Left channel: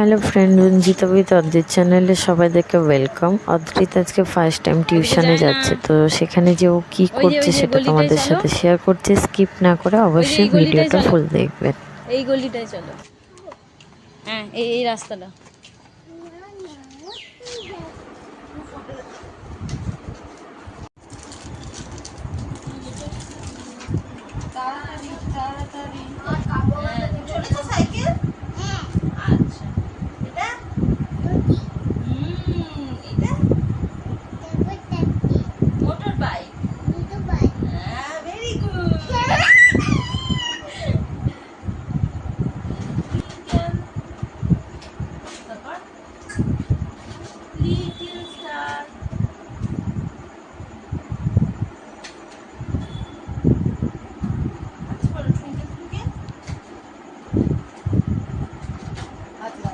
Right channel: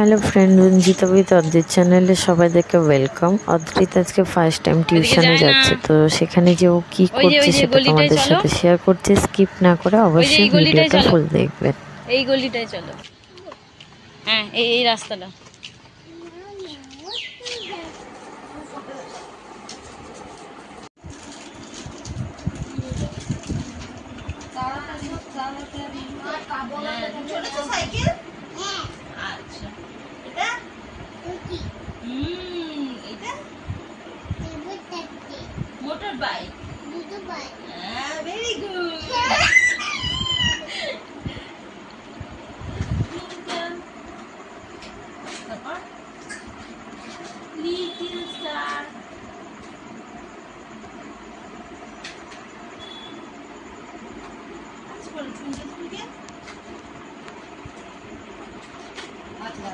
Hello friend, Ranjita with অদ্রিত চ্যানেলে সবাইদেরকে welcome. অদ্রিত আজকে first time ওইদিকে টিউশনে যায় না। যাচ্ছে, তো সেখানে যে ও কি করছে ওই যে সেটা গলিটায় তোমাদের চলো। সাথে শেয়ার করছে। স্কিপ না করে ওই যে অবশ্যই এই গলিটায় ভিডিওটা চলো। ফুল দেখবেন। এই গলিটায় চলো। হ্যাঁ, এই রাস্তাটা। তাড়াতাড়ি তাড়াতাড়ি। চলেছো সাইকেল? আচ্ছা। এটা? এটা? Motor bike. হ্যাঁ, ভেরি গুড। তারপর লিটল স্টার। আচ্ছা বলো, ঠুনকে ঠুনকে। আচ্ছা